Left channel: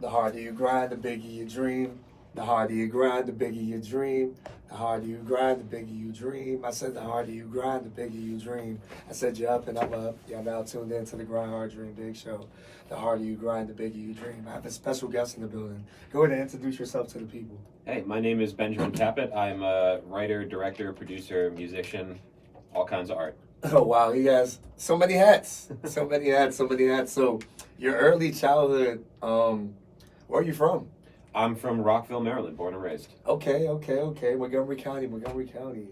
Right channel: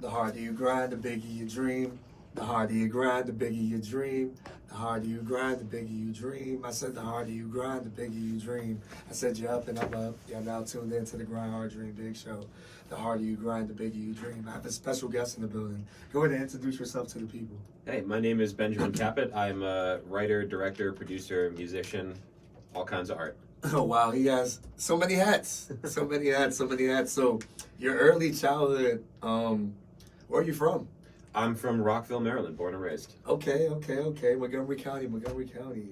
The harder you grind, the bigger you dream. The harder you grind, the bigger you dream. The harder you grind, the bigger you dream. I said the harder you grind, the bigger you dream. I said you're up and I'm up. You're now tuned in to the Grind Hard Dream Big Show. The harder you grind, the bigger you dream. I have a special guest in the building. Go ahead and introduce yourself to the people. Hey, my name is Benjamin Kapit. I'm a writer, director, producer, musician, all kinds of art. Oh wow, he has so many hats. So many hats, so many hats. So your early childhood, where are you from? I'm from Rockville, Maryland, born and raised. Okay. Montgomery County.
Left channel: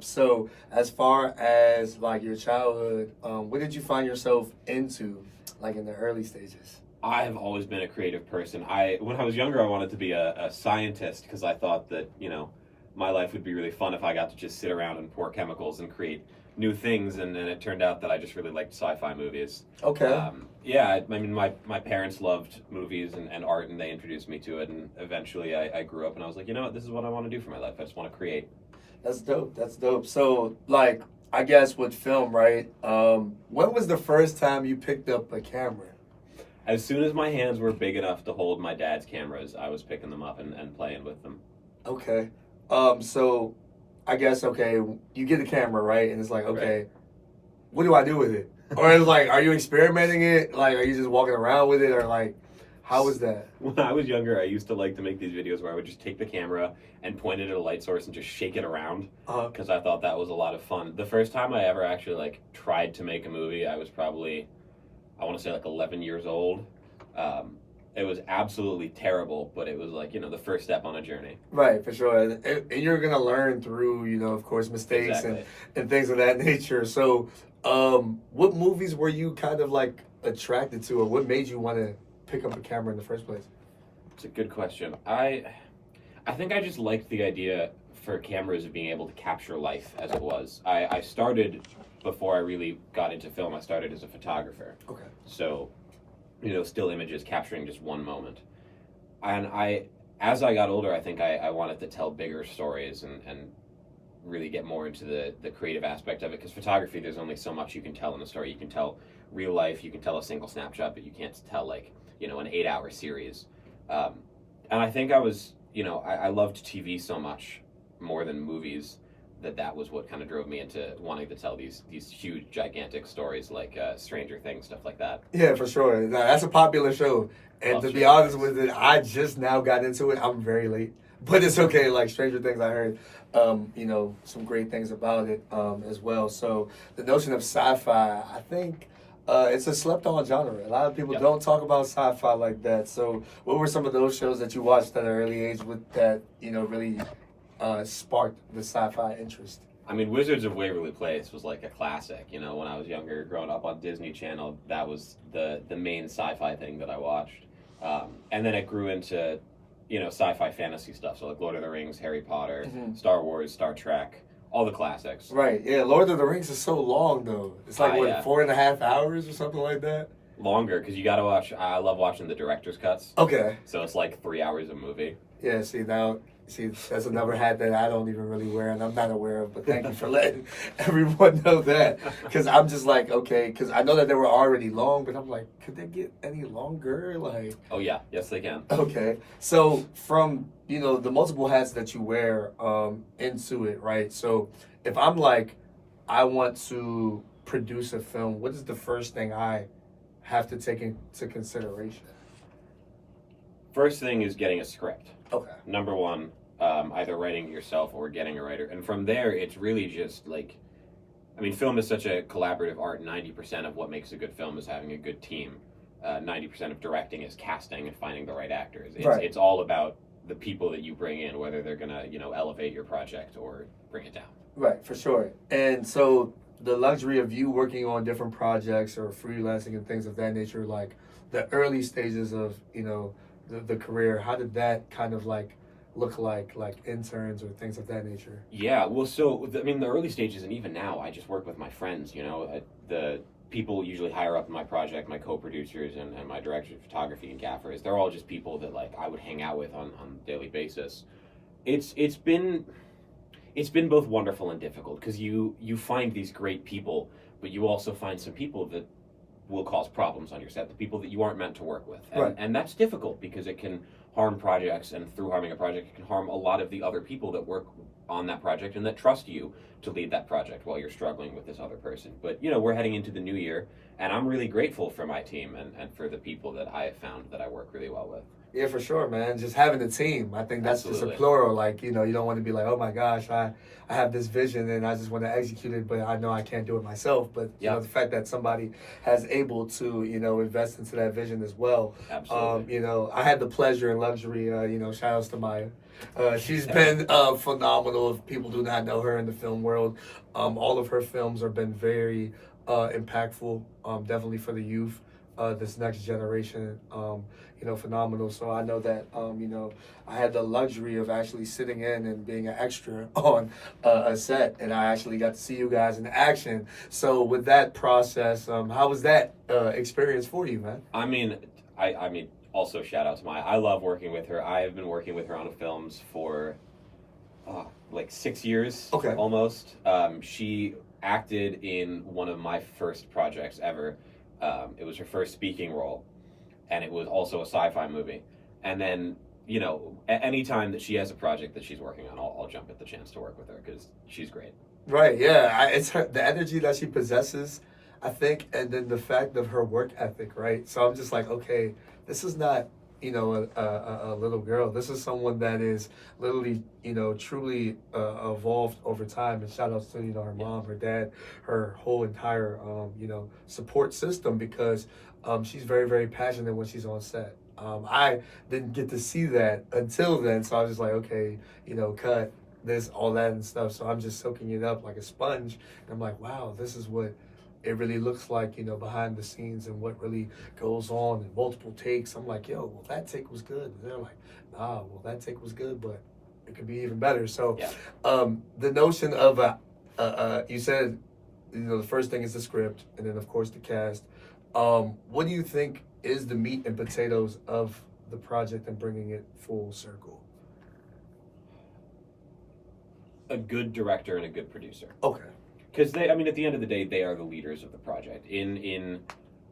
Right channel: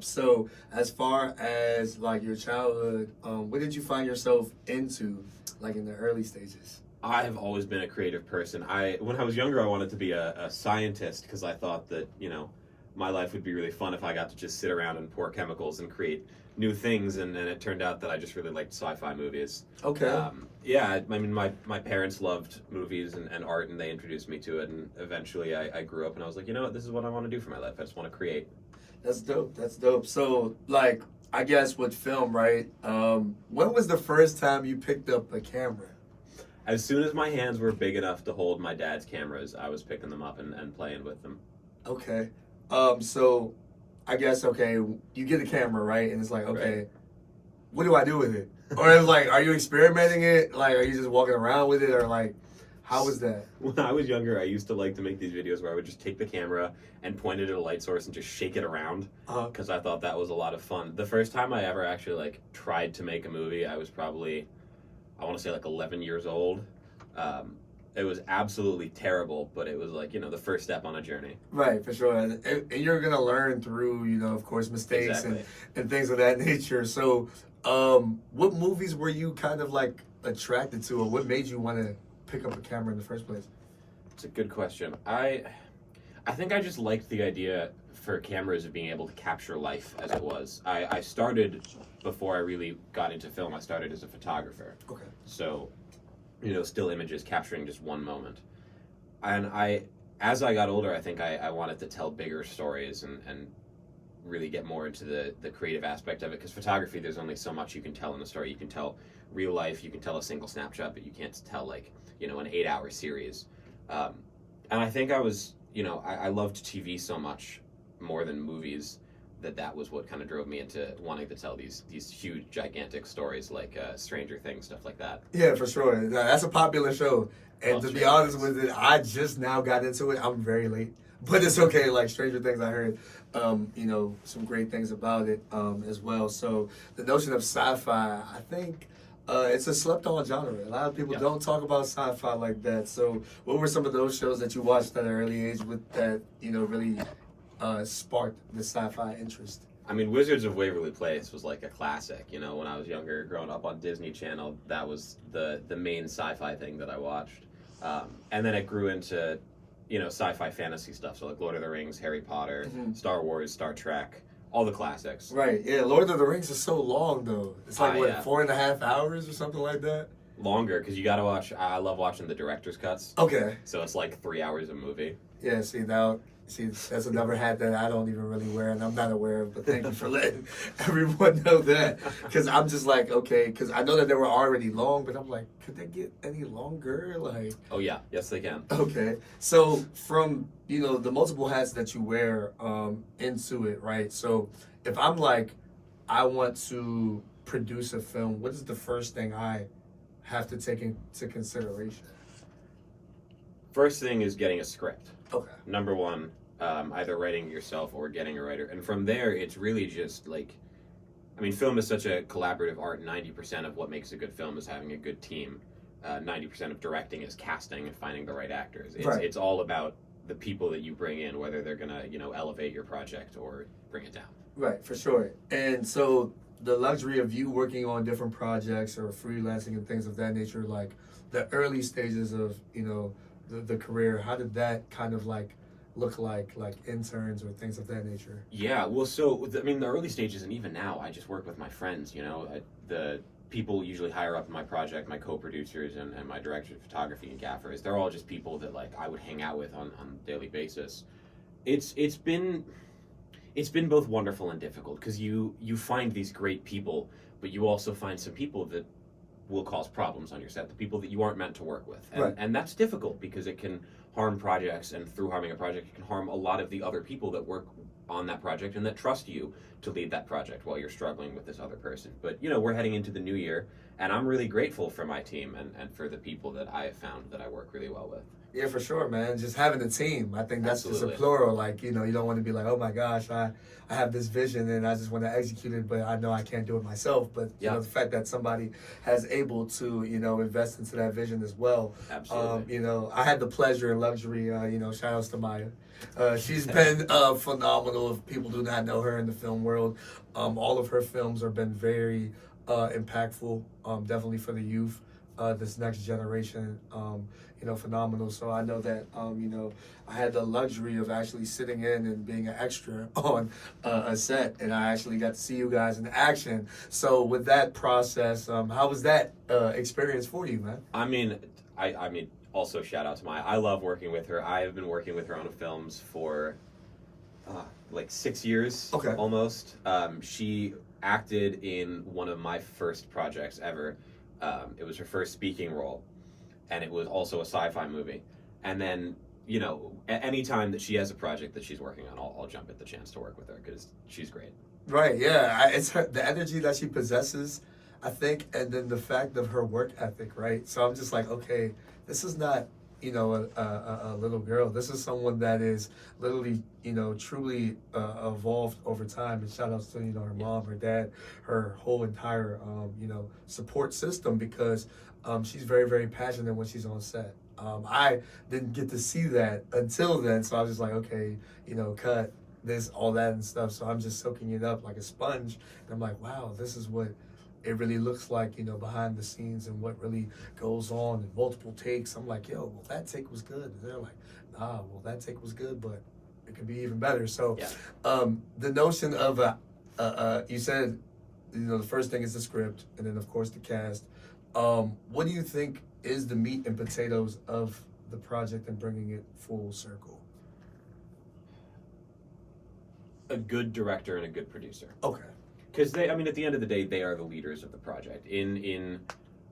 So as far as like your childhood, what did you find yourself into, like in the early stages? I've always been a creative person. When I was younger, I wanted to be a scientist because I thought that, my life would be really fun if I got to just sit around and pour chemicals and create new things, and it turned out that I just really liked sci-fi movies. Okay. Yeah, I mean, my parents loved movies and art, and they introduced me to it, and eventually I grew up and I was like, you know what, this is what I want to do for my life. I just want to create. That's dope. So, like, I guess with film, right? When was the first time you picked up a camera? As soon as my hands were big enough to hold my dad's cameras, I was picking them up and playing with them. Okay. So I guess, okay, you get a camera, right? And it's like, okay, Right. what do I do with it? Or it's like, are you experimenting it? Like, are you just walking around with it? Or like, how was that? When I was younger, I used to like to make these videos where I would just take the camera and point it at a light source and just shake it around because I thought that was a lot of fun. The first time I ever actually like tried to make a movie, I was probably, I want to say like 11 years old. It was absolutely terrible, but it was like, the first step on a journey. Right, for sure. And you're going to learn through, of course, mistakes Exactly. and things of that nature. So, what movies were you kind of like attracted to, or what made you want to pick up a camera in the first place? It's a good question. I think I just liked the idea for cameras of being able to capture life as it was. I started, before I really got into film, I started as a photographer. Okay. So, still images capturing just one moment. And as I got older, I think I wanted to tell bigger stories and really get more into the creative aspect of it. Because photography, there's only so much you can tell in a story. You can tell real life, you can tell a single snapshot, but you can't tell like, an 8-hour series. And I think I was, I loved TV so much more than movies that was what kind of drove me into wanting to tell these huge, gigantic stories like Stranger Things, stuff like that. Yeah, for sure. Now, that's a popular show. And Love to be Stranger honest Things. with it, I just now got into it. I'm very late. But it's okay. Like Stranger Things, I heard, some great things about it as well. So the notion of sci-fi, I think it's a slept-on genre. A lot of people Yep. don't talk about sci-fi like that. So what were some of those shows that you watched at an early age with that, really sparked the sci-fi interest? I mean, Wizards of Waverly Place was like a classic. When I was younger, growing up on Disney Channel, that was the main sci-fi thing that I watched. And then it grew into, sci-fi fantasy stuff. So like Lord of the Rings, Harry Potter, Star Wars, Star Trek, all the classics. Right, yeah. Lord of the Rings is so long, though. It's like, what, Yeah. 4.5 hours or something like that? Longer, because you got to watch, I love watching the director's cuts. Okay. So it's like 3 hours a movie. Yeah, see, that's another hat that I don't even really wear and I'm not aware of, but thank you for letting everyone know that. Because I'm just like, okay, because I know that they were already long, but I'm like, could they get any longer? Like, Oh yeah, yes they can. okay. So from, the multiple hats that you wear into it, right? So if I'm like, I want to produce a film, what is the first thing I have to take into consideration? First thing is getting a script. Okay. Number one, either writing it yourself or getting a writer. And from there, it's really just like, film is such a collaborative art. 90% of what makes a good film is having a good team. 90% of directing is casting and finding the right actors. It's all about the people that you bring in, whether they're going to, elevate your project or bring it down. Right, for sure. And so the luxury of you working on different projects or freelancing and things of that nature, like the early stages of, the career, how did that kind of like look like interns or things of that nature? Yeah, well, so, the early stages and even now, I just work with my friends, the people usually higher up in my project, my co-producers and my directors of photography and gaffers, they're all just people that like I would hang out with on a daily basis. It's been both wonderful and difficult because you find these great people, but you also find some people that will cause problems on your set, the people that you aren't meant to work with. And, Right. and that's difficult because it can harm projects, and through harming a project, it can harm a lot of the other people that work on that project and that trust you to lead that project while you're struggling with this other person. But, we're heading into the new year, and I'm really grateful for my team and for the people that I have found that I work really well with. Yeah, for sure, man. Just having a team. I think that's Absolutely. just a plural. Like, you don't want to be like, oh my gosh, I have this vision and I just want to execute it, but I know I can't do it myself. But, the fact that somebody has able to, invest into that vision as well. Absolutely. I had the pleasure and luxury, shout outs to Maya. She's been phenomenal. If people do not know her in the film world, all of her films have been very impactful, definitely for the youth. This next generation, phenomenal. So I know that, I had the luxury of actually sitting in and being an extra on a set, and I actually got to see you guys in action. So with that process, how was that experience for you, man? I mean, also shout out to Maya. I love working with her. I have been working with her on films for like 6 years, Okay. almost. She acted in one of my first projects ever. It was her first speaking role, and it was also a sci-fi movie. And then, any time that she has a project that she's working on, I'll jump at the chance to work with her because she's great. Right, yeah. It's the energy that she possesses, I think, and then the fact of her work ethic, right? So I'm just like, okay, this is not, a little girl. This is someone that is literally, truly evolved over time. And shout outs to, her mom, her dad, her whole entire, support system, because she's very, very passionate when she's on set. I didn't get to see that until then. So I was just like, okay, cut this, all that and stuff. So I'm just soaking it up like a sponge. And I'm like, wow, this is what it really looks like, behind the scenes and what really goes on in multiple takes. I'm like, yo, well, that take was good. And they're like, nah, well, that take was good, but it could be even better. So the notion of, you said, the first thing is the script, and then, of course, the cast. What do you think is the meat and potatoes of the project and bringing it full circle? A good director and a good producer. Okay. Because at the end of the day, they are the leaders of the project.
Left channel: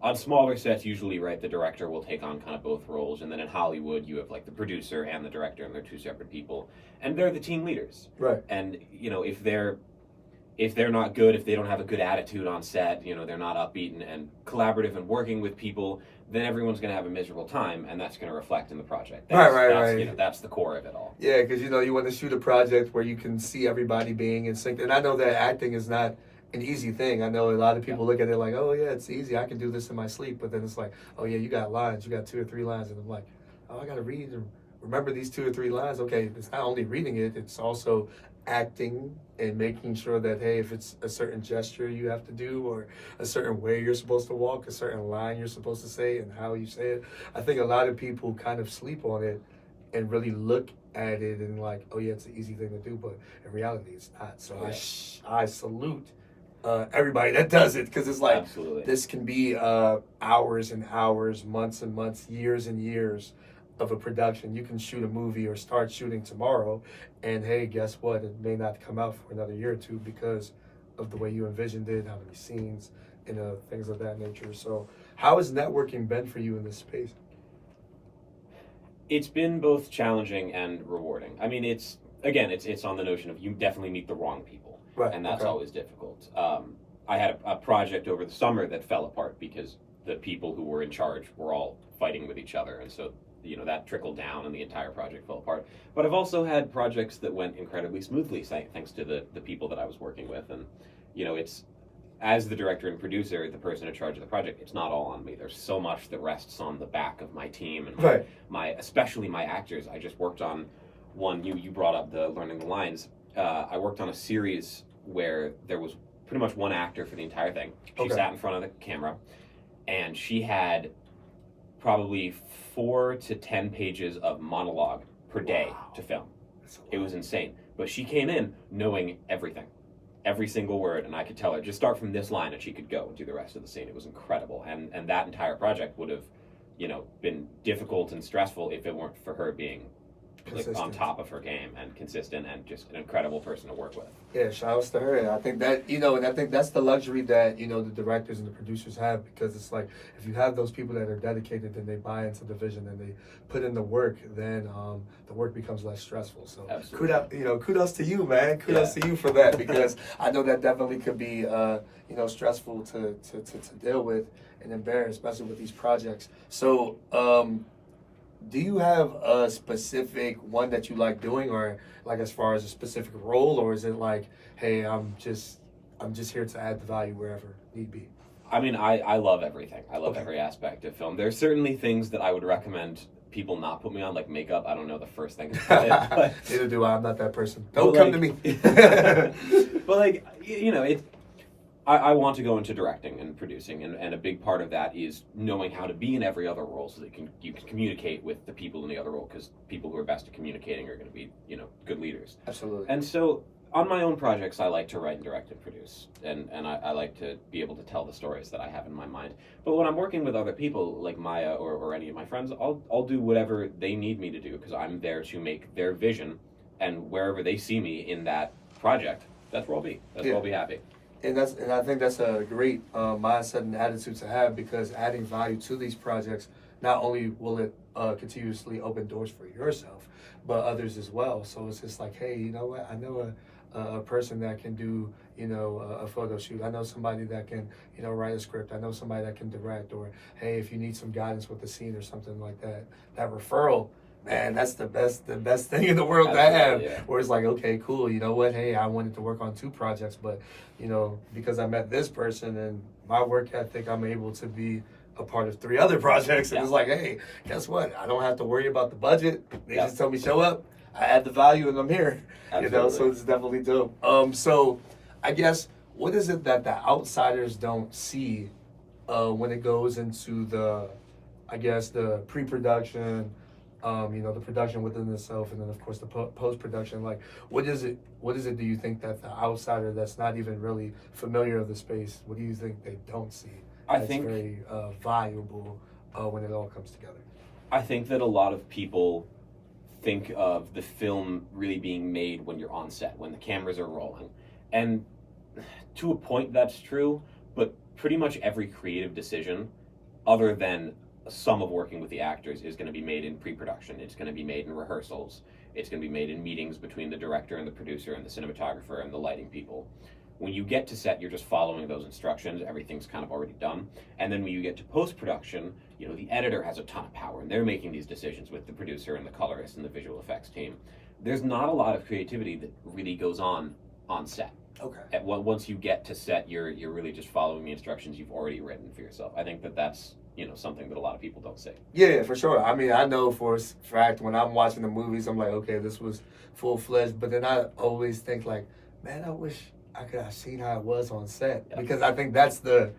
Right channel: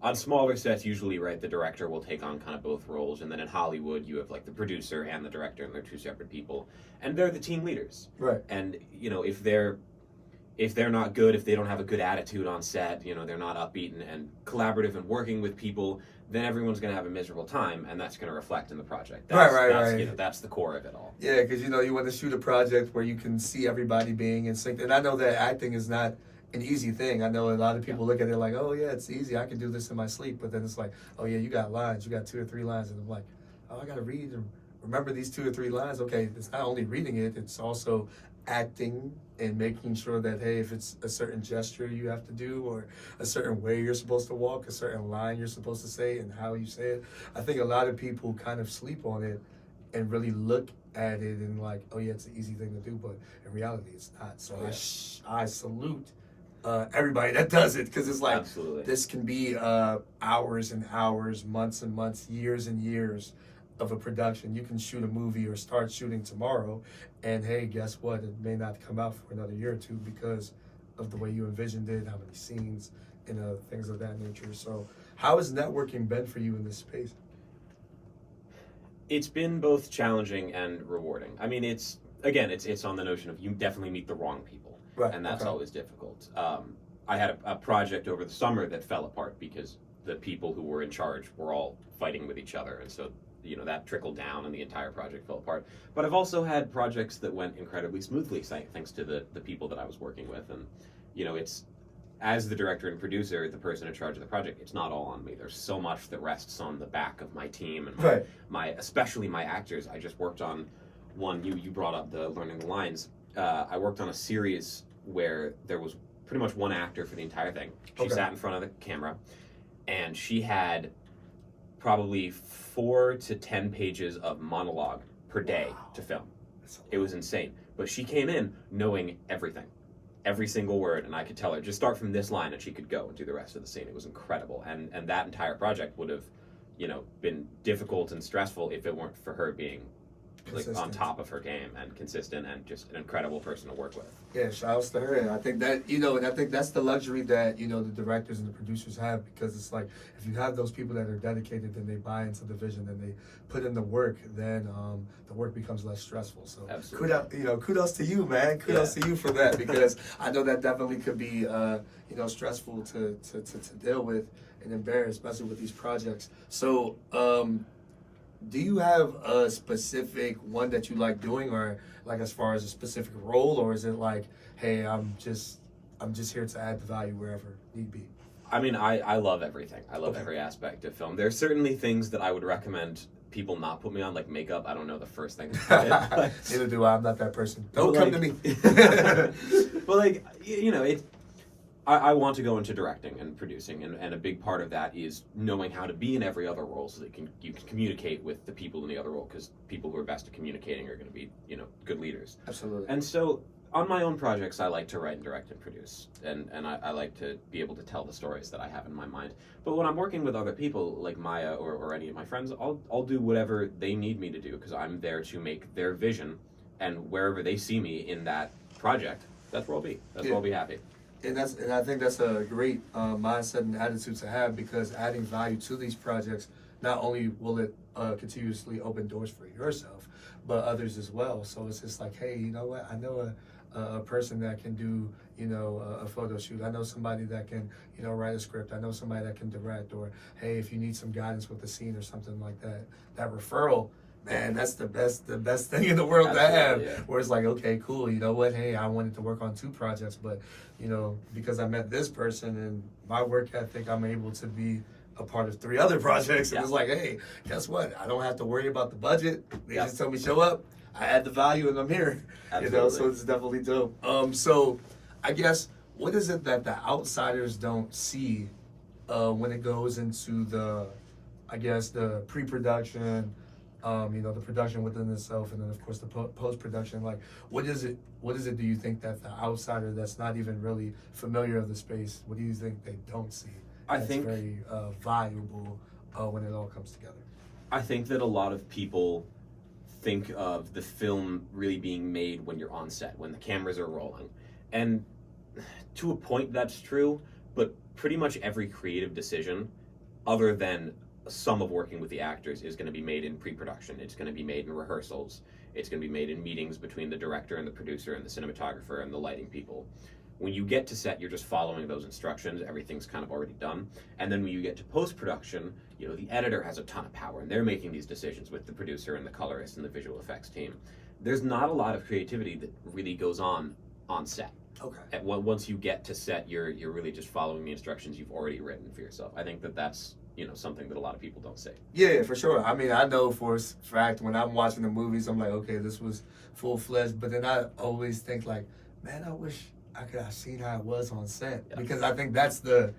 On smaller sets, usually, right, the director will take on kind of both roles, and then in Hollywood, you have like the producer and the director, and they're two separate people, and they're the team leaders. Right. And if they're not good, if they don't have a good attitude on set, they're not upbeat and collaborative and working with people, then everyone's going to have a miserable time, and that's going to reflect in the project. Right. That's the core of it all. Yeah, because you want to shoot a project where you can see everybody being in sync. And I know that acting is not an easy thing. I know a lot of people look at it like, oh yeah, it's easy. I can do this in my sleep. But then it's like, oh yeah, you got lines. You got 2 or 3 lines. And I'm like, oh, I got to read and remember these 2 or 3 lines. Okay, it's not only reading it, it's also acting and making sure that, hey, if it's a certain gesture you have to do, or a certain way you're supposed to walk, a certain line you're supposed to say, and how you say it. I think a lot of people kind of sleep on it and really look at it and like, oh yeah, it's an easy thing to do, but in reality it's not. So I salute everybody that does it, because it's like, absolutely, this can be hours and hours, months and months, years and years of a production. You can shoot a movie or start shooting tomorrow, and hey, guess what? It may not come out for another year or two because of the way you envisioned it, how many scenes, and things of that nature. So how has networking been for you in this space? It's been both challenging and rewarding. I mean, it's on the notion of you definitely meet the wrong people, right? And that's always difficult. I had a project over the summer that fell apart because the people who were in charge were all fighting with each other, and so that trickled down and the entire project fell apart. But I've also had projects that went incredibly smoothly thanks to the people that I was working with. And it's, as the director and producer, the person in charge of the project, it's not all on me. There's so much that rests on the back of my team and especially my actors. I just worked on one, you brought up the learning the lines. I worked on a series where there was pretty much one actor for the entire thing. She sat in front of the camera, and she had probably 4 to 10 pages of monologue per day to film. It was insane. But she came in knowing everything, every single word, and I could tell her, just start from this line, and she could go and do the rest of the scene. It was incredible. And that entire project would have, been difficult and stressful if it weren't for her being like on Consistent. top of her game and consistent and just an incredible person to work with. Yeah, shout outs to her. And I think that, and I think that's the luxury that, the directors and the producers have, because it's like, if you have those people that are dedicated and they buy into the vision and they put in the work, then the work becomes less stressful. So kudos to you, man. Kudos to you for that, because I know that definitely could be, stressful to deal with and embarrass, especially with these projects. So, do you have a specific one that you like doing, or like as far as a specific role, or is it like, hey, I'm just here to add the value wherever need be? I mean, I love everything. I love every aspect of film. There's certainly things that I would recommend people not put me on, like makeup. I don't know the first thing about it. But, neither do I. I'm not that person. Don't come to me. But like, I want to go into directing and producing, and a big part of that is knowing how to be in every other role so that you can communicate with the people in the other role, because people who are best at communicating are going to be, good leaders. Absolutely. And so on my own projects, I like to write and direct and produce, and I like to be able to tell the stories that I have in my mind. But when I'm working with other people, like Maya or any of my friends, I'll do whatever they need me to do, because I'm there to make their vision, and wherever they see me in that project, that's where I'll be. That's where I'll be happy. And I think that's a great mindset and attitude to have, because adding value to these projects, not only will it continuously open doors for yourself, but others as well. So it's just like, hey, you know what? I know a person that can do, a photo shoot. I know somebody that can, write a script. I know somebody that can direct. Or, hey, if you need some guidance with the scene or something like that, that referral, man, that's the best thing in the world to have. Yeah. Where it's like, okay, cool, you know what? Hey, I wanted to work on 2 projects, but because I met this person and my work ethic, I'm able to be a part of 3 other projects. And it's like, hey, guess what? I don't have to worry about the budget. They just tell me show up. I add the value and I'm here. Absolutely. So it's definitely dope. So I guess, what is it that the outsiders don't see when it goes into the pre-production, the production within itself, and then of course the post-production? Like, what is it do you think that the outsider that's not even really familiar of the space, what do you think they don't see? I That's think very valuable when it all comes together. I think that a lot of people think of the film really being made when you're on set, when the cameras are rolling. And to a point that's true, but pretty much every creative decision, other than some of working with the actors, is going to be made in pre-production. It's going to be made in rehearsals. It's going to be made in meetings between the director and the producer and the cinematographer and the lighting people. When you get to set, you're just following those instructions. Everything's kind of already done. And then when you get to post-production, the editor has a ton of power, and they're making these decisions with the producer and the colorist and the visual effects team. There's not a lot of creativity that really goes on set. Okay. Once you get to set, you're really just following the instructions you've already written for yourself. I think that's something that a lot of people don't see. Yeah, for sure. I mean, I know for a fact when I'm watching the movies, I'm like, okay, this was full-fledged. But then I always think like, man, I wish I could have seen how it was on set. Yeah. Because I think that's the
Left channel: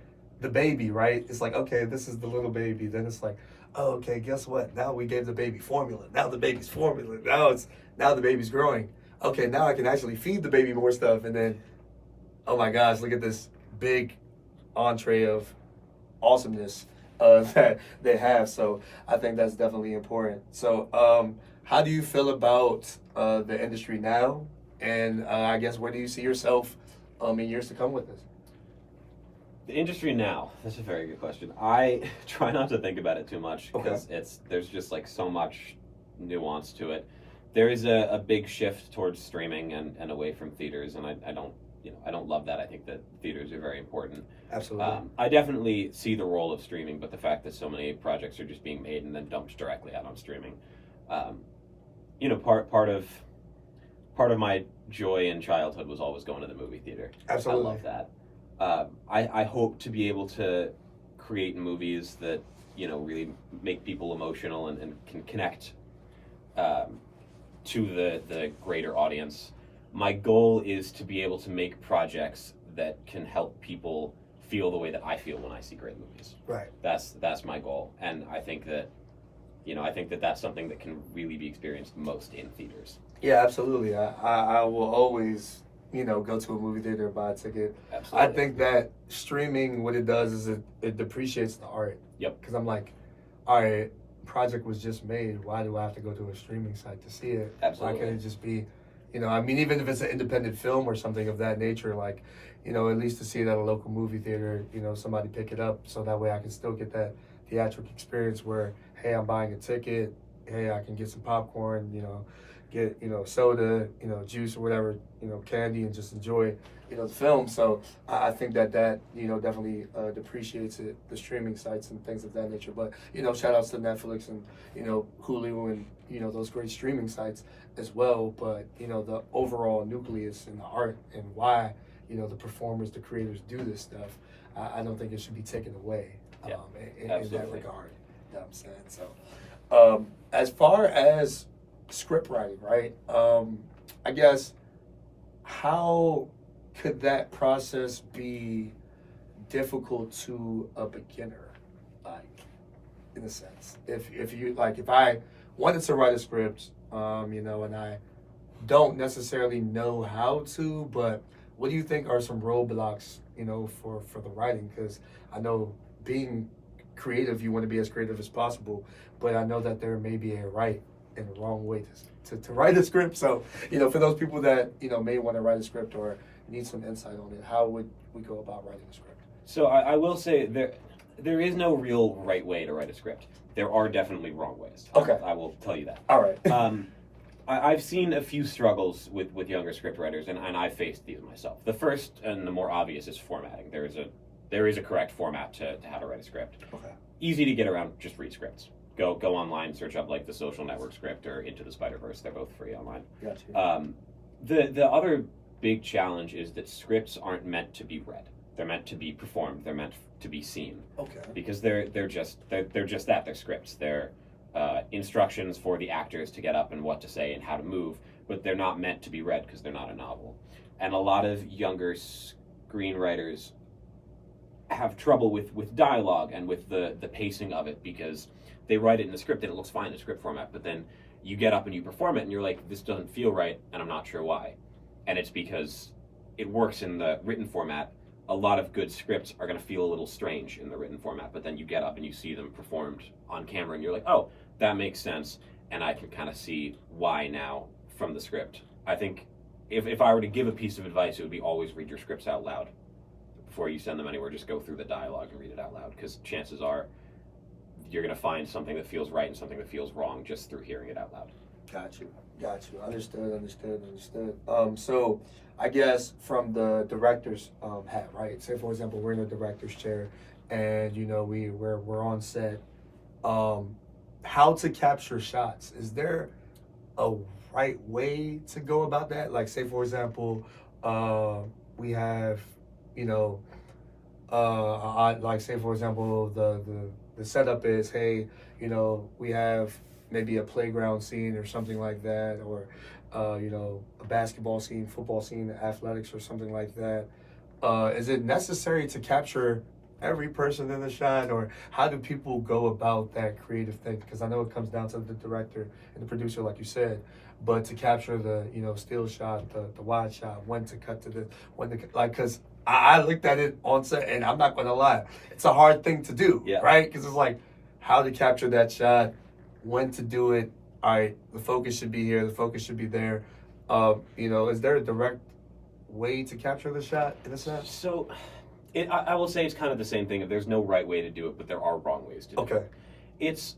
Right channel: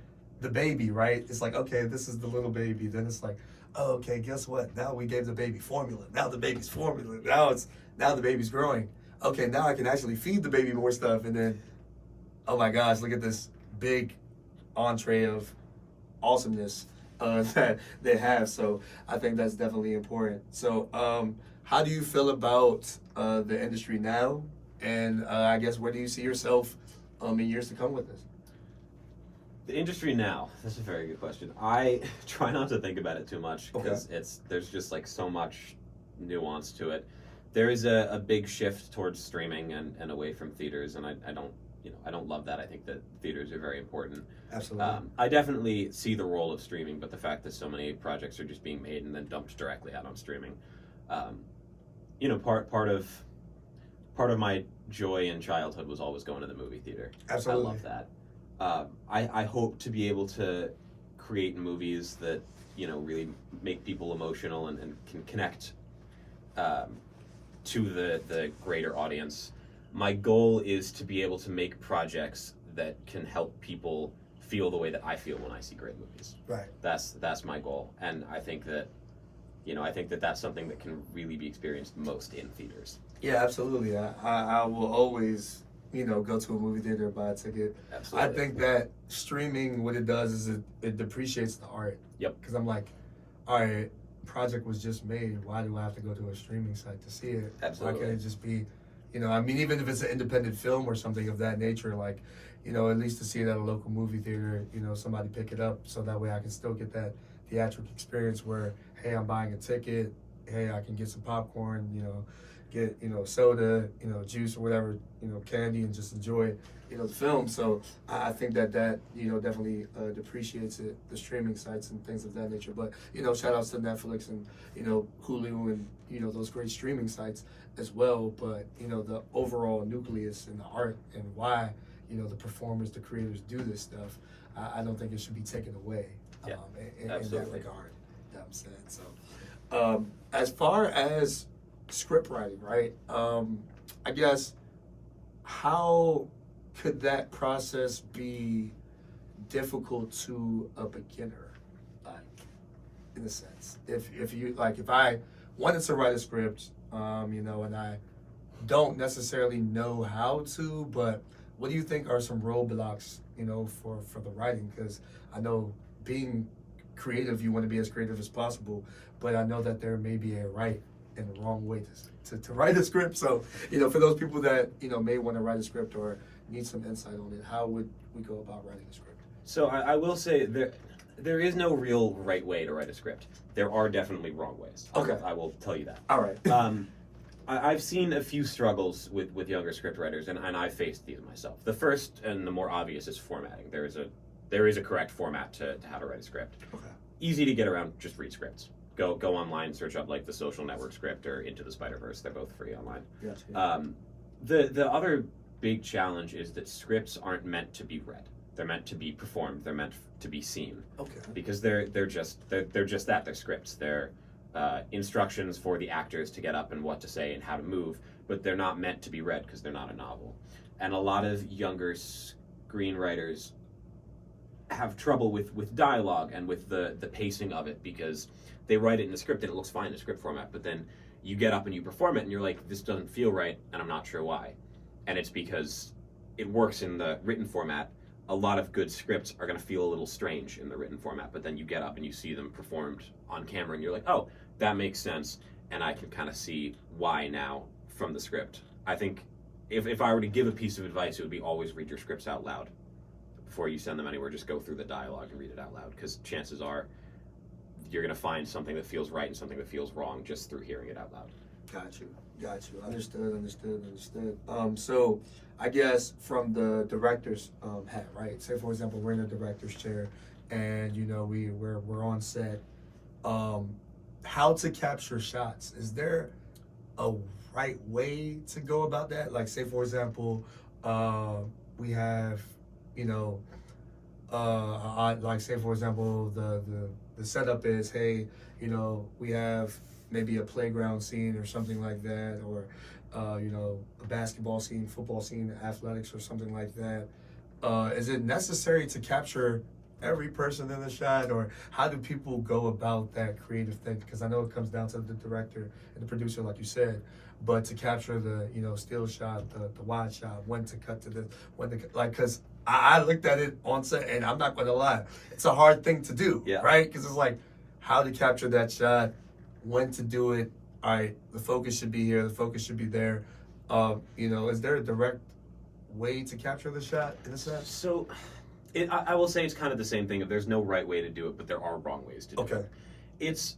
baby, right? It's like, okay, this is the little baby. Then it's like, oh, okay, guess what? Now we gave the baby formula. Now the baby's formula. Now the baby's growing. Okay, now I can actually feed the baby more stuff. And then, oh my gosh, look at this big entree of awesomeness that they have. So I think that's definitely important. So how do you feel about the industry now? And I guess, where do you see yourself in years to come with this? The industry now, that's a very good question. I try not to think about it too much, because there's just like so much nuance to it. There is a big shift towards streaming and away from theaters, and I don't love that. I think that theaters are very important. Absolutely. I definitely see the role of streaming, but the fact that so many projects are just being made and then dumped directly out on streaming, part of my joy in childhood was always going to the movie theater. Absolutely. I love that. I hope to be able to create movies that really make people emotional and can connect to the greater audience. My goal is to be able to make projects that can help people feel the way that I feel when I see great movies. Right. That's my goal, and I think that that's something that can really be experienced most in theaters. Yeah, absolutely. I will always, go to a movie theater, buy a ticket. Absolutely. I think that streaming, what it does is it depreciates the art. Yep. Because I'm like, all right, project was just made, why do I have to go to a streaming site to see it? Absolutely. Why can't it just be, I mean, even if it's an independent film or something of that nature, like, at least to see it at a local movie theater, somebody pick it up so that way I can still get that theatrical experience where, hey, I'm buying a ticket, hey, I can get some popcorn, get, soda, juice or whatever, candy, and just enjoy, the film. So I think that definitely depreciates it, the streaming sites and things of that nature. But, shout outs to Netflix and, Hulu and, those great streaming sites as well. But, the overall nucleus and the art and why, the performers, the creators do this stuff, I don't think it should be taken away in that regard. You know what I'm saying? So, as far as script writing, right? I guess, how could that process be difficult to a beginner, like, in a sense? If you, like, if I wanted to write a script, and I don't necessarily know how to, but what do you think are some roadblocks, for the writing? Because I know being creative, you want to be as creative as possible, but I know that there may be a right and a wrong way to write a script. So, for those people that, may want to write a script or need some insight on it, how would we go about writing a script? So I will say there is no real right way to write a script. There are definitely wrong ways. Okay. I will tell you that. All right. I've seen a few struggles with younger script writers, and I've faced these myself. The first and the more obvious is formatting. There is a correct format to how to write a script. Okay. Easy to get around, just read scripts. Go online, search up like the Social Network script or Into the Spider-Verse. They're both free online. Gotcha. The other big challenge is that scripts aren't meant to be read. They're meant to be performed. They're meant to be seen. Okay. Because they're just that. They're scripts. They're instructions for the actors to get up and what to say and how to move, but they're not meant to be read because they're not a novel. And a lot of younger screenwriters have trouble with dialogue and with the pacing of it because they write it in the script and it looks fine in the script format, but then you get up and you perform it and you're like, this doesn't feel right and I'm not sure why. And it's because it works in the written format. A lot of good scripts are going to feel a little strange in the written format, but then you get up and you see them performed on camera and you're like, oh, that makes sense, and I can kind of see why now from the script. I think if I were to give a piece of advice, it would be always read your scripts out loud. Before you send them anywhere, just go through the dialogue and read it out loud, because chances are you're going to find something that feels right and something that feels wrong just through hearing it out loud. Got you. Understood. So I guess from the director's hat, right? Say for example, we're in a director's chair, and we're on set. How to capture shots? Is there a right way to go about that? Like, say for example, we have, like say for example, the setup is, hey, we have maybe a playground scene or something like that, or a basketball scene, football scene, athletics or something like that. Is it necessary to capture every person in the shot, or how do people go about that creative thing? Because I know it comes down to the director and the producer, like you said, but to capture the still shot, the wide shot, when to cut to because I looked at it on set and I'm not going to lie, it's a hard thing to do, right? Because it's like how to capture that shot, when to do it. All right, the focus should be here, the focus should be there. Is there a direct way to capture the shot in a sense? So I will say it's kind of the same thing. If there's no right way to do it, but there are wrong ways to do it.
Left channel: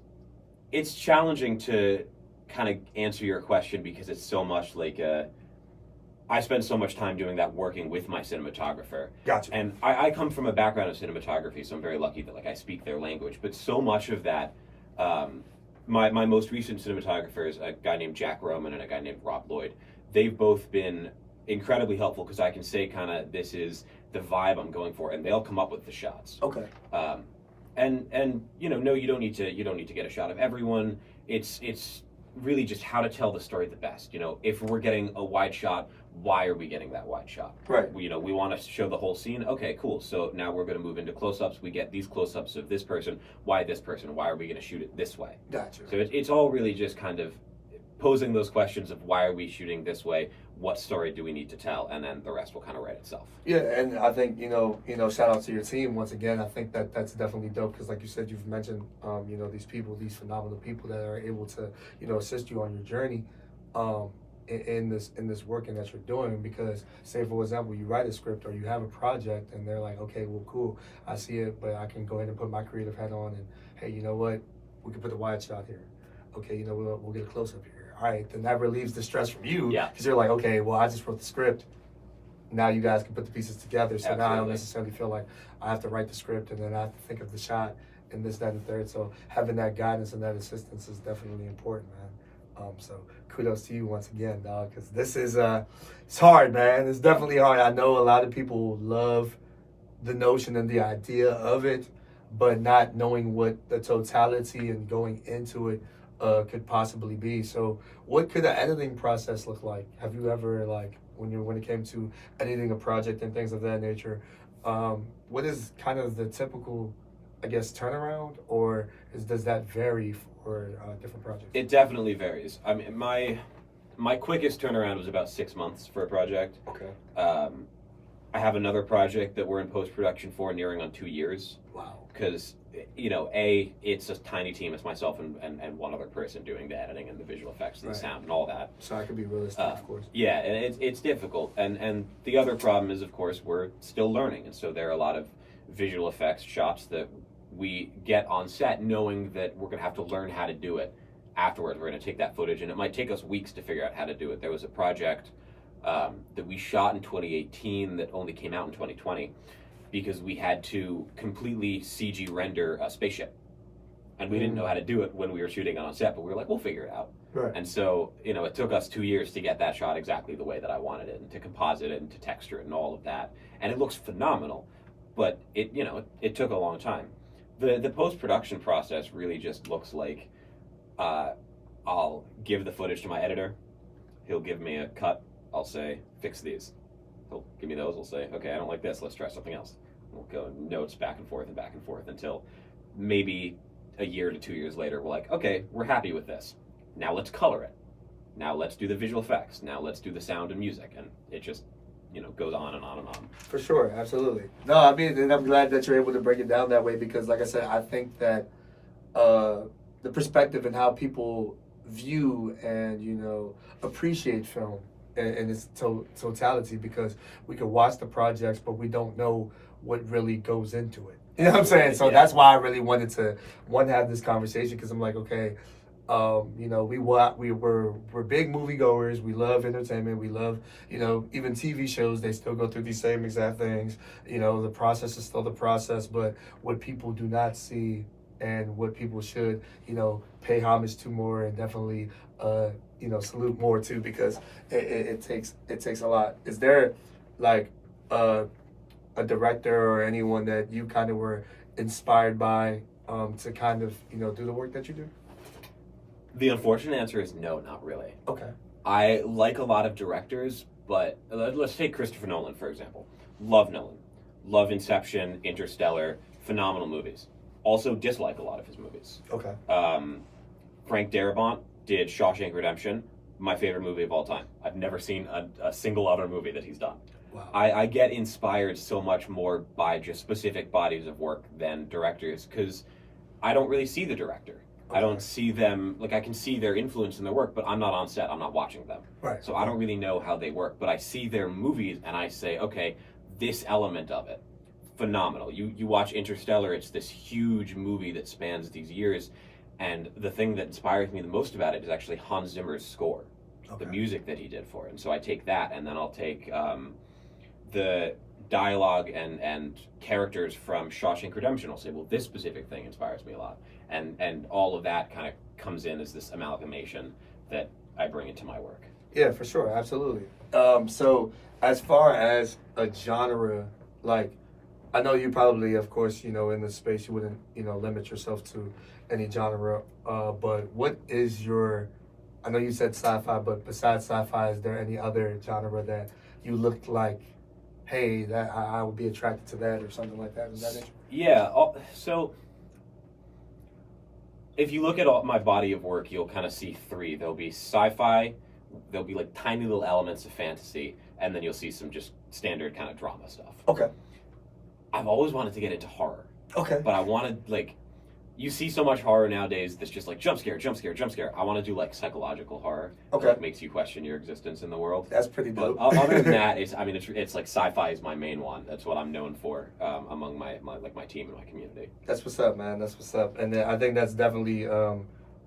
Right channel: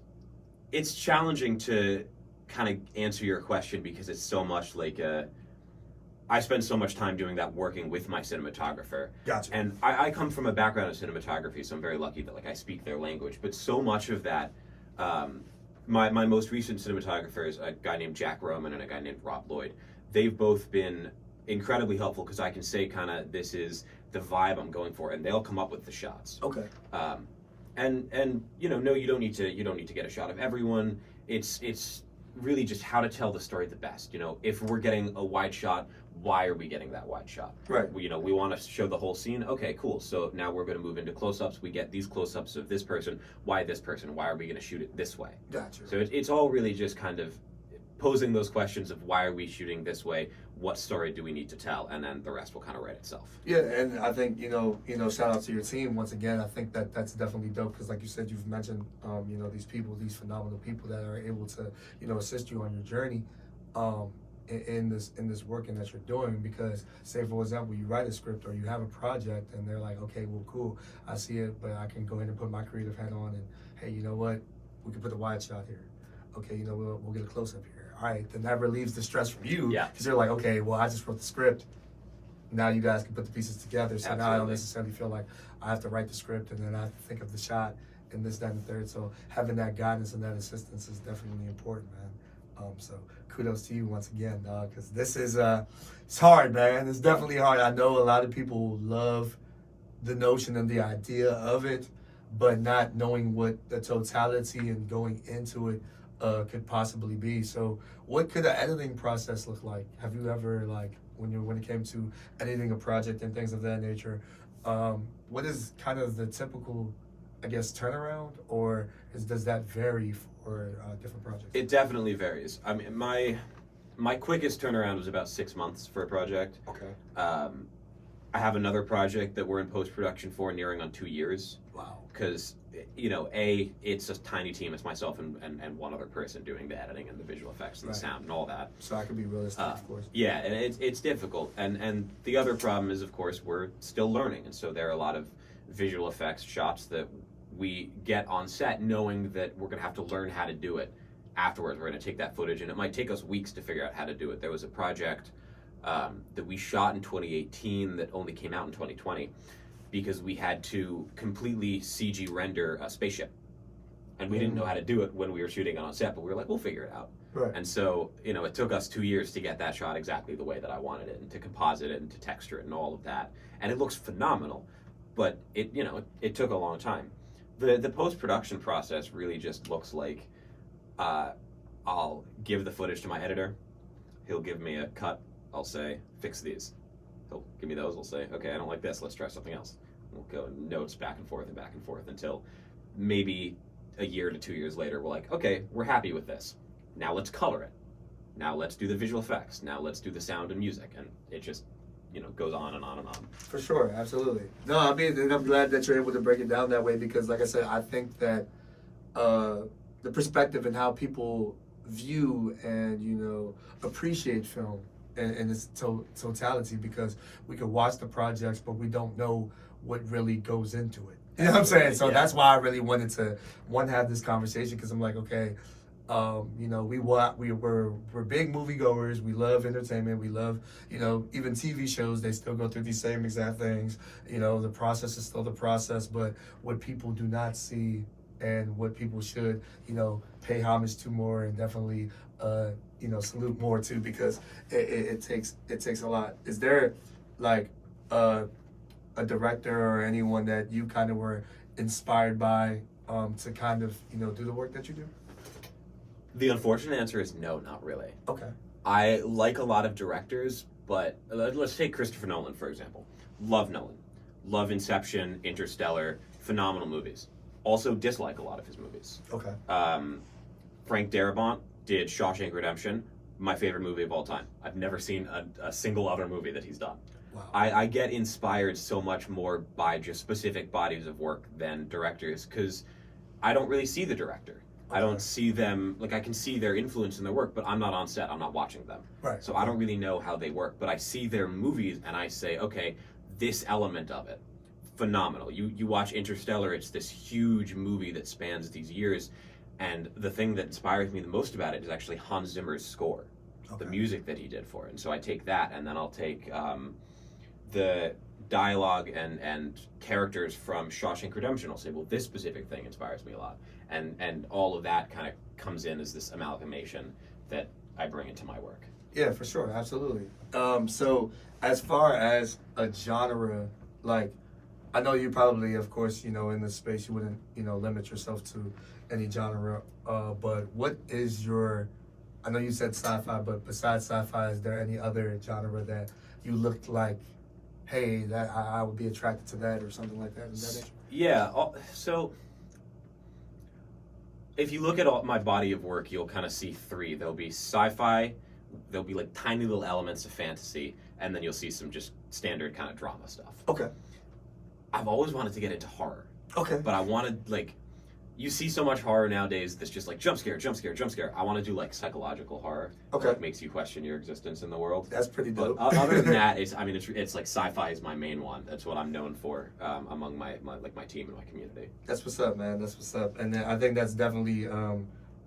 It's challenging to kind of answer your question because it's so much like I spend so much time doing that working with my cinematographer. Gotcha. And I come from a background of cinematography, so I'm very lucky that I speak their language. But so much of that, my most recent cinematographers, a guy named Jack Roman and a guy named Rob Lloyd, they've both been incredibly helpful because I can say kind of this is the vibe I'm going for, and they'll come up with the shots. Okay. And no, you don't need to get a shot of everyone. It's really just how to tell the story the best. If we're getting a wide shot, why are we getting that wide shot? Right. We want to show the whole scene. Okay, cool. So now we're going to move into close-ups. We get these close-ups of this person. Why this person? Why are we going to shoot it this way? Gotcha. So it's all really just kind of posing those questions of why are we shooting this way, what story do we need to tell, and then the rest will kind of write itself. Yeah, and I think shout out to your team once again. I think that's definitely dope because, like you said, you've mentioned these people, these phenomenal people that are able to assist you on your journey, in this working that you're doing. Because, say for example, you write a script or you have a project, and they're like, okay, well, cool, I see it, but I can go ahead and put my creative hat on, and hey, you know what, we can put the wide shot here. Okay, we'll get a close up here. All right, then that relieves the stress from you. Yeah. Because you're like, okay, well, I just wrote the script. Now you guys can put the pieces together. So Absolutely. now I don't necessarily feel like I have to write the script and then I have to think of the shot and this, that, and the third. So having that guidance and that assistance is definitely important, man. So kudos to you once again, dog, because this is it's hard, man. It's definitely hard. I know a lot of people love the notion and the idea of it, but not knowing what the totality and going into it could possibly be. So what could the editing process look like? Have you ever, like, when it came to editing a project and things of that nature, what is kind of the typical, I guess, turnaround, or does that vary for different projects? It definitely varies. I mean, my quickest turnaround was about 6 months for a project. Okay. I have another project that we're in post-production for nearing on 2 years. Wow. Because, it's a tiny team. It's myself and one other person doing the editing and the visual effects and the sound and all that. So I could be realistic, of course. Yeah, and it's difficult. And the other problem is, of course, we're still learning. And so there are a lot of visual effects shots that we get on set knowing that we're going to have to learn how to do it afterwards. We're going to take that footage, and it might take us weeks to figure out how to do it. There was a project that we shot in 2018 that only came out in 2020 because we had to completely CG render a spaceship. And we didn't know how to do it when we were shooting it on set, but we were like, we'll figure it out. Right. And so, it took us 2 years to get that shot exactly the way that I wanted it, and to composite it and to texture it and all of that. And it looks phenomenal, but it took a long time. The post-production process really just looks like I'll give the footage to my editor. He'll give me a cut. I'll say, fix these. He'll give me those. I'll say, okay, I don't like this. Let's try something else. We'll go notes back and forth until maybe a year to 2 years later, we're like, okay, we're happy with this. Now let's color it. Now let's do the visual effects. Now let's do the sound and music. And it just, goes on and on and on. For sure, absolutely. No, I mean, and I'm glad that you're able to break it down that way because, like I said, I think that the perspective and how people view and, appreciate film in its totality, because we could watch the projects, but we don't know what really goes into it. You know what I'm saying? So that's why I really wanted to have this conversation, because I'm like, okay, we're big moviegoers. We love entertainment. We love, even TV shows. They still go through these same exact things. The process is still the process, but what people do not see and what people should, pay homage to more, and definitely, salute more to, because it takes a lot. Is there like a director or anyone that you kind of were inspired by to kind of do the work that you do? The unfortunate answer is no, not really. Okay. I like a lot of directors, but let's take Christopher Nolan, for example. Love Nolan. Love Inception, Interstellar, phenomenal movies. Also dislike a lot of his movies. Okay. Frank Darabont did Shawshank Redemption, my favorite movie of all time. I've never seen a single other movie that he's done. Wow. I get inspired so much more by just specific bodies of work than directors, because I don't really see the director. I don't see them, I can see their influence in their work, but I'm not on set, I'm not watching them. Right. So I don't really know how they work, but I see their movies and I say, okay, this element of it, phenomenal. You watch Interstellar, it's this huge movie that spans these years, and the thing that inspires me the most about it is actually Hans Zimmer's score, the music that he did for it. And so I take that, and then I'll take the dialogue and characters from Shawshank Redemption. I'll say, well, this specific thing inspires me a lot. And all of that kind of comes in as this amalgamation that I bring into my work. Yeah, for sure. Absolutely. So as far as a genre, I know you probably, of course, in this space, you wouldn't, limit yourself to any genre. But what is I know you said sci-fi, but besides sci-fi, is there any other genre that you looked like, hey, that I would be attracted to that, or something like that? Is that it? Yeah. So if you look at my body of work, you'll kind of see three. There'll be sci-fi, there'll be like tiny little elements of fantasy, and then you'll see some just standard kind of drama stuff. Okay. I've always wanted to get into horror. Okay. But I wanted, like, you see so much horror nowadays that's just like jump scare, jump scare, jump scare. I want to do like psychological horror. Okay. That makes you question your existence in the world. That's pretty dope. But other than that, it's like sci-fi is my main one. That's what I'm known for among my team and my community. That's what's up, man. That's what's up. And then I think that's definitely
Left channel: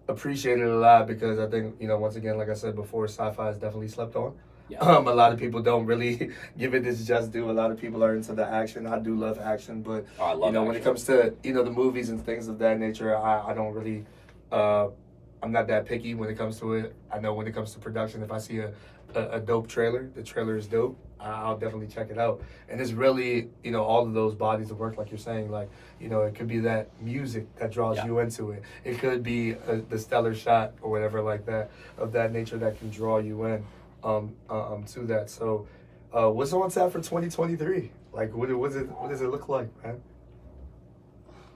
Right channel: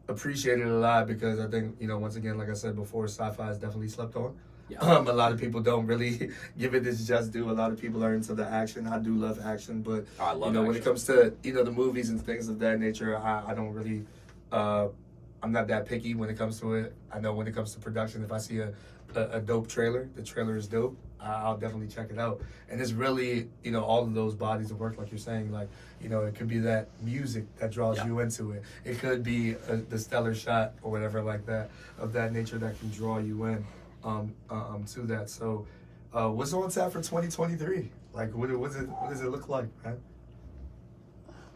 appreciated a lot because I think, once again, like I said before, sci-fi is definitely slept on. Yeah. A lot of people don't really give it its just due. A lot of people are into the action. I do love action, but I love when action. it comes to the movies and things of that nature, I don't really. I'm not that picky when it comes to it. I know when it comes to production, if I see a dope trailer, the trailer is dope, I'll definitely check it out. And it's really all of those bodies of work, like you're saying, like it could be that music that draws you into it. It could be the stellar shot or whatever like that of that nature that can draw you in. To that. So, what's on tap for 2023? Like, what does it look like, man?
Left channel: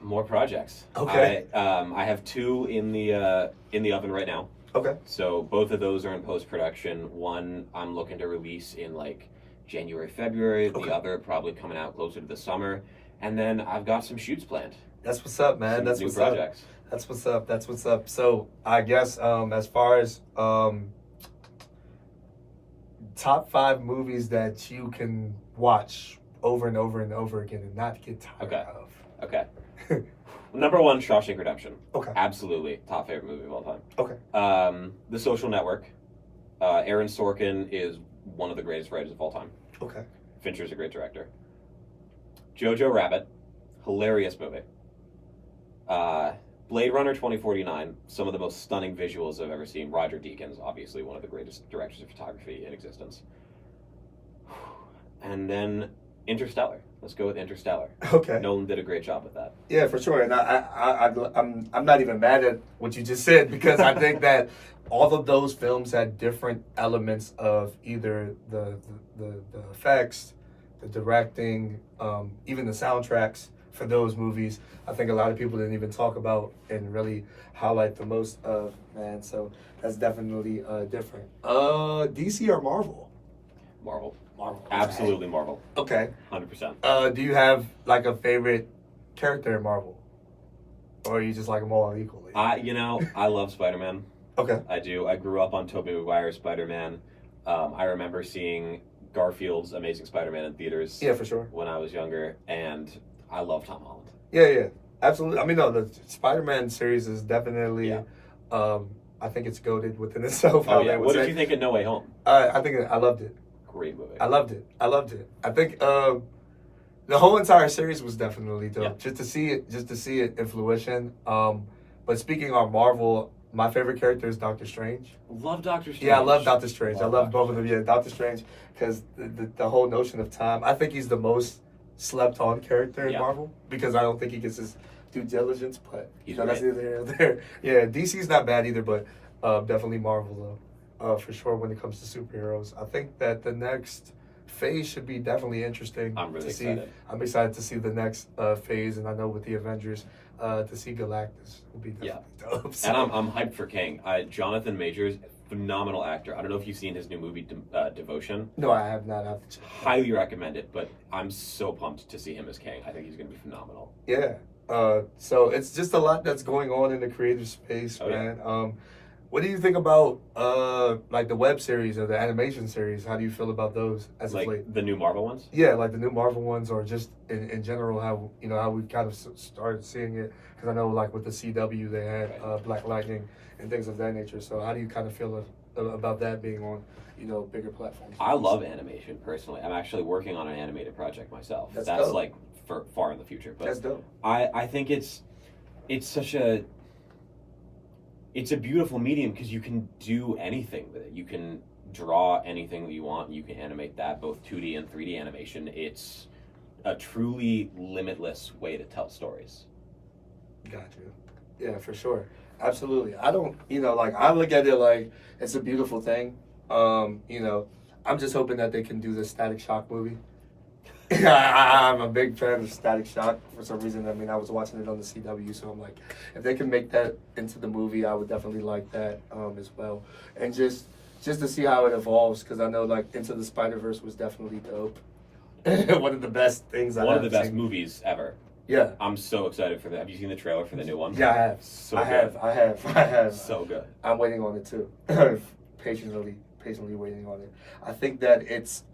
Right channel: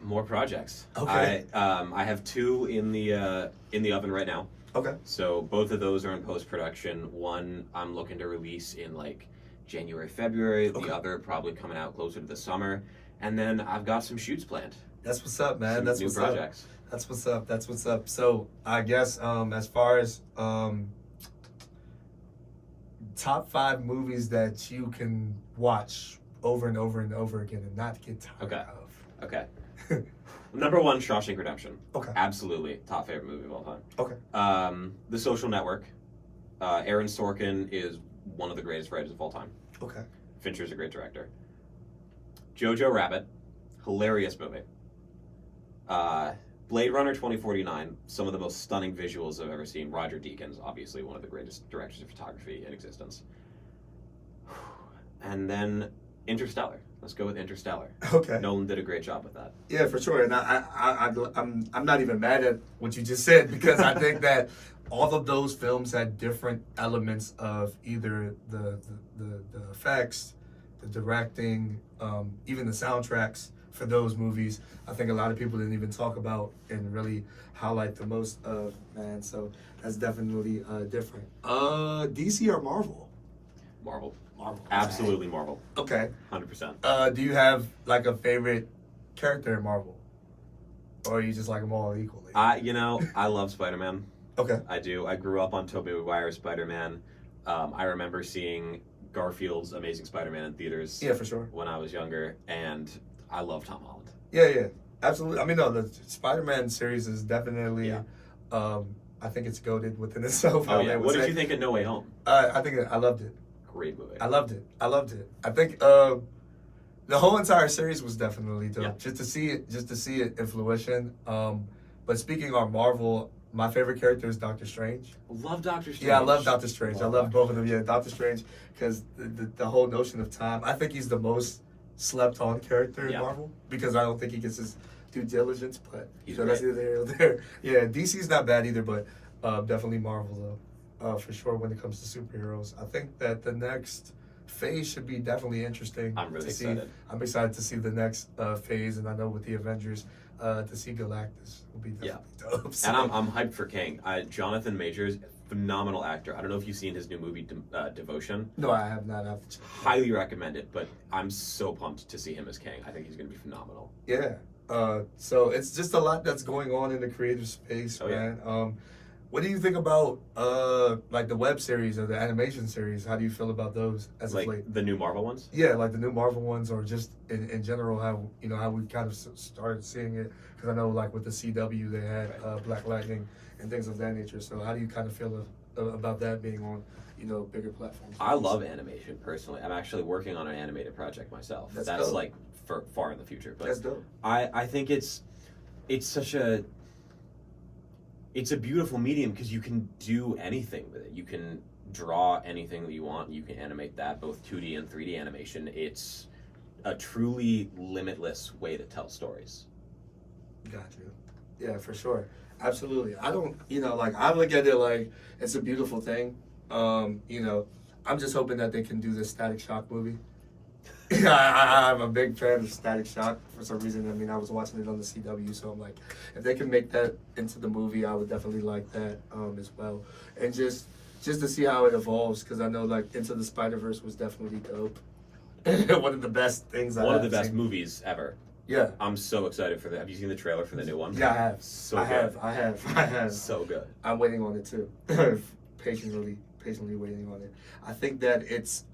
More projects. Okay. I have two in the oven right now. Okay. So both of those are in post-production. One I'm looking to release in like January, February. Okay. The other probably coming out closer to the summer. And then I've got some shoots planned. That's what's up, man. Some That's new what's projects. up. That's what's up. That's what's up. So I guess as far as top 5 movies that you can watch over and over and over again and not get tired of. Okay. Number 1, Shawshank Redemption. Okay. Absolutely. Top favorite movie of all time. Okay. The Social Network. Aaron Sorkin is one of the greatest writers of all time. Okay. Fincher's a great director. Jojo Rabbit. Hilarious movie. Blade Runner 2049, some of the most stunning visuals I've ever seen. Roger Deakins, obviously one of the greatest directors of photography in existence. And then Interstellar. Let's go with Interstellar. Okay. Nolan did a great job with that. Yeah, for sure. And I'm not even mad at what you just said because I think that all of those films had different elements of either the effects, the directing, even the soundtracks for those movies. I think a lot of people didn't even talk about and really highlight the most of, man. So that's definitely different. DC or Marvel? Marvel. Marvel. Absolutely Marvel. Okay. 100%. Do you have like a favorite character in Marvel? Or you just like them all equally? I love Spider-Man. Okay. I do. I grew up on Tobey Maguire's Spider-Man. I remember seeing Garfield's Amazing Spider-Man in theaters. Yeah, for sure. When I was younger, and I love Tom Holland. Yeah, absolutely. I mean, no, the Spider-Man series is definitely, I think it's goated within itself. Oh yeah. What did you think of No Way Home? I think I loved it. Great movie. I loved it. I think the whole entire series was definitely dope. Yeah. Just to see it in fruition. But speaking on Marvel, my favorite character is Doctor Strange. Love Doctor Strange. Yeah, I love Doctor Strange. I love both of them. Yeah, Doctor Strange, because the whole notion of time. I think he's the most slept on character in Marvel because I don't think he gets his due diligence. But that's neither here nor there. Yeah, DC's not bad either, but definitely Marvel though. For sure when it comes to superheroes. I think that the next phase should be definitely interesting. I'm really excited. I'm excited to see the next phase, and I know with the Avengers, to see Galactus will be definitely dope. So. And I'm hyped for King. Jonathan Majors, phenomenal actor. I don't know if you've seen his new movie, Devotion. No, I have not. I have to check. Highly recommend it, but I'm so pumped to see him as King. I think he's going to be phenomenal. Yeah. So it's just a lot that's going on in the creative space, man. Yeah. What do you think about like the web series or the animation series? How do you feel about those as of late? The new Marvel ones? Yeah, like the new Marvel ones, or just in general, how we kind of started seeing it. Because I know like with the CW, they had Black Lightning and things of that nature. So how do you kind of feel about that being on bigger platforms? I love animation personally. I'm actually working on an animated project myself. That's dope. like for far in the future. But that's dope. I think it's such a. It's a beautiful medium because you can do anything with it. You can draw anything that you want. You can animate that, both 2D and 3D animation. It's a truly limitless way to tell stories. Got you. Yeah, for sure. Absolutely. I don't, I look at it like it's a beautiful thing. I'm just hoping that they can do the Static Shock movie. I'm a big fan of Static Shock for some reason. I mean, I was watching it on the CW, so I'm like, if they can make that into the movie, I would definitely like that as well. And just to see how it evolves, because I know like Into the Spider-Verse was definitely dope. One of the best things One of the best movies ever. Yeah. I'm so excited for that. Have you seen the trailer for the new one? Yeah, I have. So I good. have. So good. I'm waiting on it too. patiently waiting on it. I think that it's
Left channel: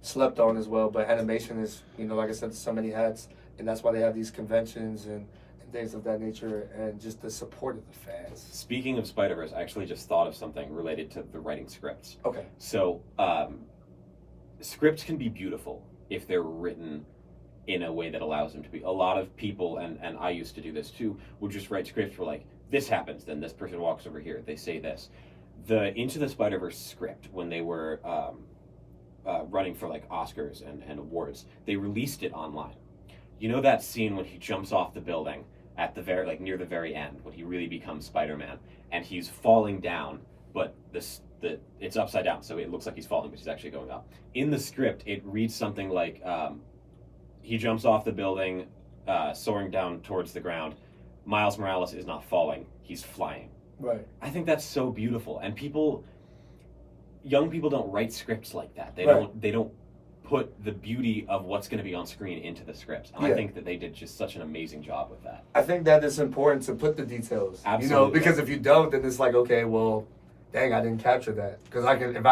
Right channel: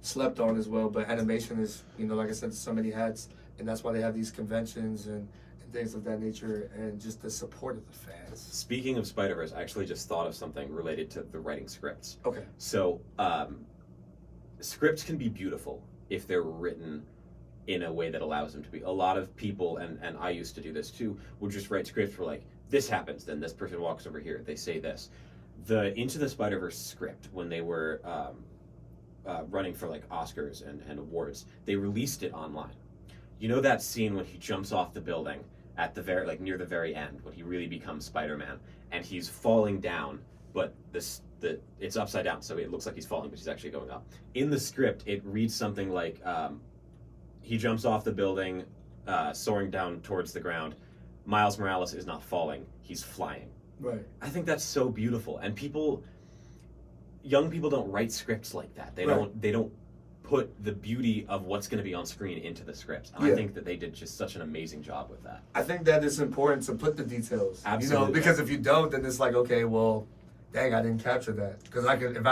slept on as well, but animation is, like I said, so many hats, and that's why they have these conventions and things of that nature, and just the support of the fans. Speaking of Spider-Verse, I actually just thought of something related to the writing scripts. Okay. So, scripts can be beautiful if they're written in a way that allows them to be. A lot of people, and I used to do this too, would just write scripts for like, this happens, then this person walks over here, they say this. The Into the Spider-Verse script, when they were running for like Oscars and awards, they released it online. You know that scene when he jumps off the building at the very, like near the very end, when he really becomes Spider-Man, and he's falling down, but it's upside down, so it looks like he's falling, but he's actually going up. In the script, it reads something like, he jumps off the building, soaring down towards the ground. Miles Morales is not falling, he's flying. Right. I think that's so beautiful, and young people don't write scripts like that. They don't put the beauty of what's going to be on screen into the scripts. And I think that they did just such an amazing job with that. I think that it's important to put the details. Absolutely. Because if you don't, then it's like, okay, well, dang, I didn't capture that. Because I can, if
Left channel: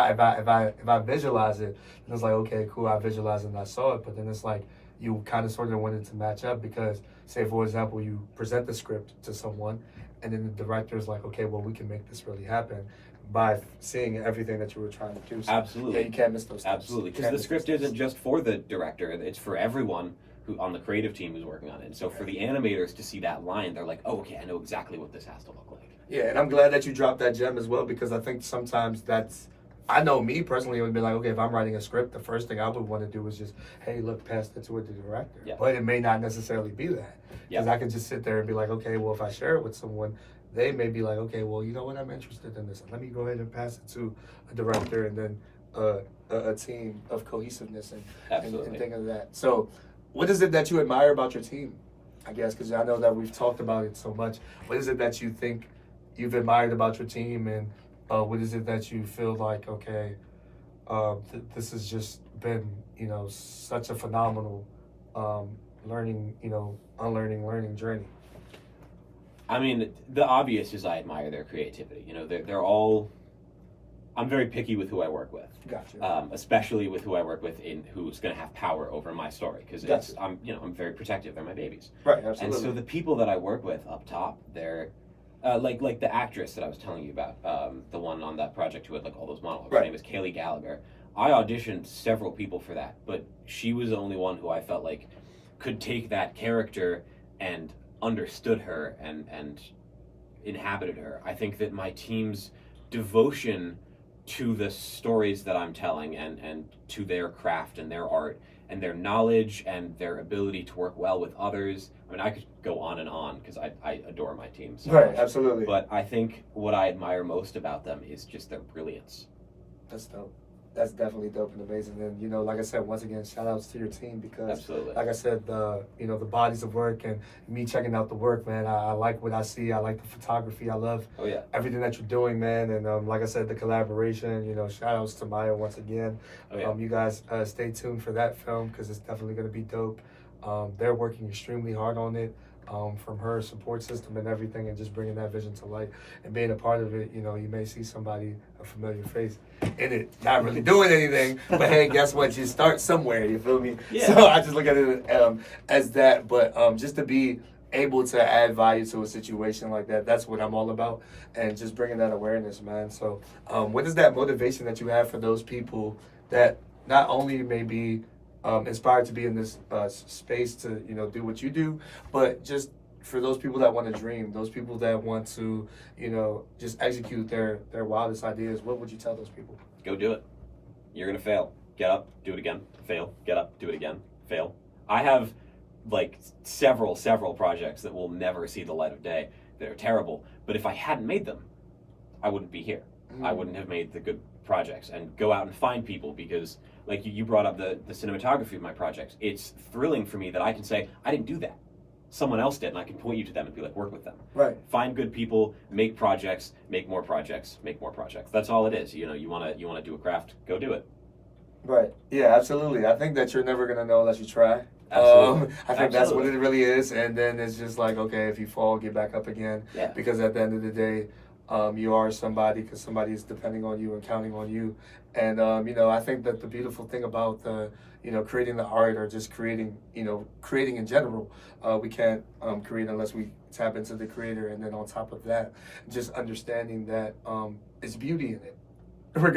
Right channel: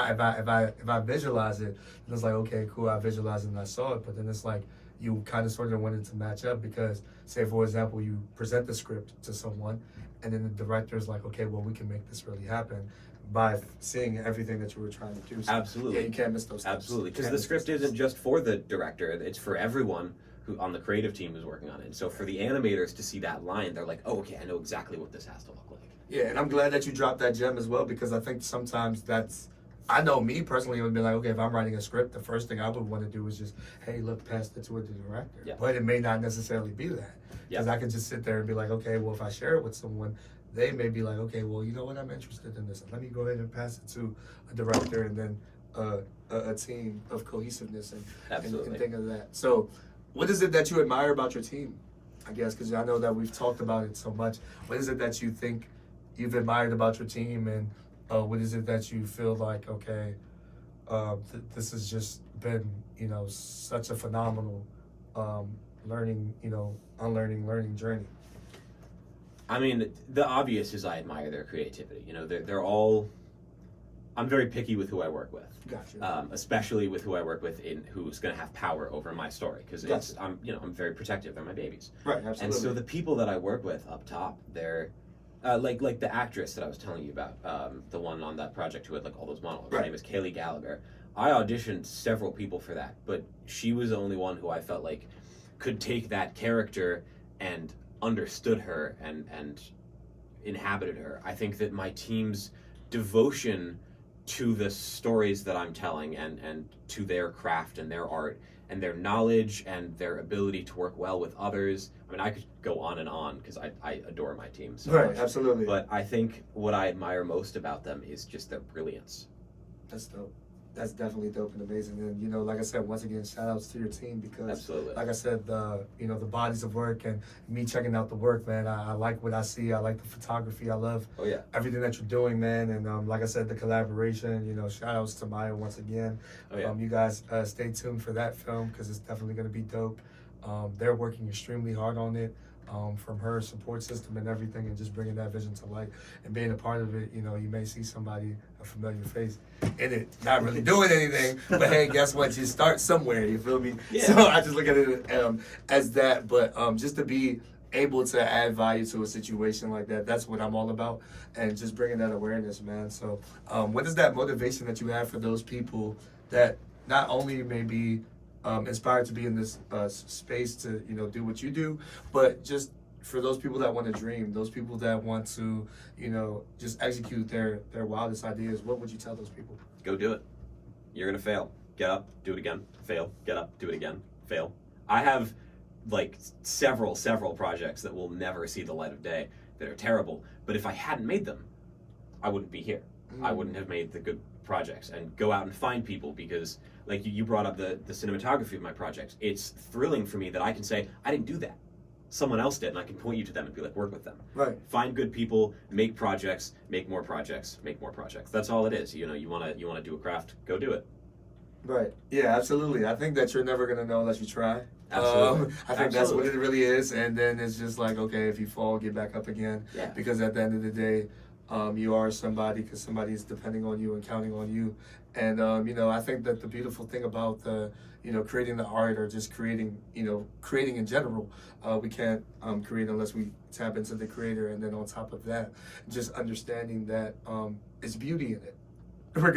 I visualize it, then it's like, okay, cool, I visualized it and I saw it. But then it's like you kind of sort of wanted to match up because, say, for example, you present the script to someone, and then the director's like, okay, well, we can make this really happen by seeing everything that you were trying to do. So, Absolutely. yeah, you can't miss those steps. Absolutely, because the script isn't just for the director; it's for everyone who on the creative team who's working on it. And so, for the animators to see that line, they're like, "Oh, okay, I know exactly what this has to look like." Yeah, and I'm glad that you dropped that gem as well, because I think sometimes I know me personally, it would be like, okay, if I'm writing a script, the first thing I would want to do is just, hey, look, pass that to the director. Yeah. But it may not necessarily be that. Because I could just sit there and be like, okay, well, if I share it with someone, they may be like, okay, well, you know what, I'm interested in this. Let me go ahead and pass it to a director and then a team of cohesiveness and things of that. So what is it that you admire about your team, I guess? Because I know that we've talked about it so much. What is it that you think you've admired about your team, and what is it that you feel like, okay, this has just been, such a phenomenal learning, learning journey? I mean, the obvious is I admire their creativity. They're all. I'm very picky with who I work with. Gotcha. Especially with who I work with who's going to have power over my story, because I'm very protective. They're my babies. Right. Absolutely. And so the people that I work with up top, they're like the actress that I was telling you about, the one on that project who had like all those monologues. Her name is Kaylee Gallagher. I auditioned several people for that, but she was the only one who I felt like could take that character and understood her and inhabited her. I think that my team's devotion to the stories that I'm telling and to their craft and their art and their knowledge and their ability to work well with others. I mean, I could go on because I adore my team so much. Absolutely. But I think what I admire most about them is just their brilliance. That's dope. That's definitely dope and amazing. And, like I said, once again, shout outs to your team, because, Absolutely. like I said, the bodies of work and me checking out the work, man, I like what I see. I like the photography. I love everything that you're doing, man. And like I said, the collaboration, shout outs to Maya once again. You guys stay tuned for that film, because it's definitely going to be dope. They're working extremely hard on it. From her support system and everything, and just bringing that vision to light and being a part of it. You may see somebody, a familiar face in it, not really doing anything, but hey, guess what? You start somewhere, you feel me? Yeah. So I just look at it as that, but just to be able to add value to a situation like that, that's what I'm all about, and just bringing that awareness, man. So what is that motivation that you have for those people that not only may be inspired to be in this space to do what you do, but just for those people that want to dream, those people that want to just execute their wildest ideas? What would you tell those people? Go do it. You're gonna fail. Get up, do it again. Fail. Get up, do it again. Fail. I have like several projects that will never see the light of day that are terrible, but if I hadn't made them, I wouldn't be here. I wouldn't have made the good projects. And go out and find people, because like you brought up the cinematography of my projects. It's thrilling for me that I can say, I didn't do that. Someone else did, and I can point you to them and be like, work with them. Right. Find good people, make projects, make more projects, make more projects. That's all it is. You wanna do a craft, go do it. Right. Yeah, absolutely. I think that you're never gonna know unless you try. Absolutely. I think that's what it really is, and then it's just like, okay, if you fall, get back up again. Yeah. Because at the end of the day, you are somebody, because somebody is depending on you and counting on you. And I think that the beautiful thing about creating the art, or just creating in general, we can't create unless we tap into the creator, and then on top of that, just understanding that it's beauty in it, regardless.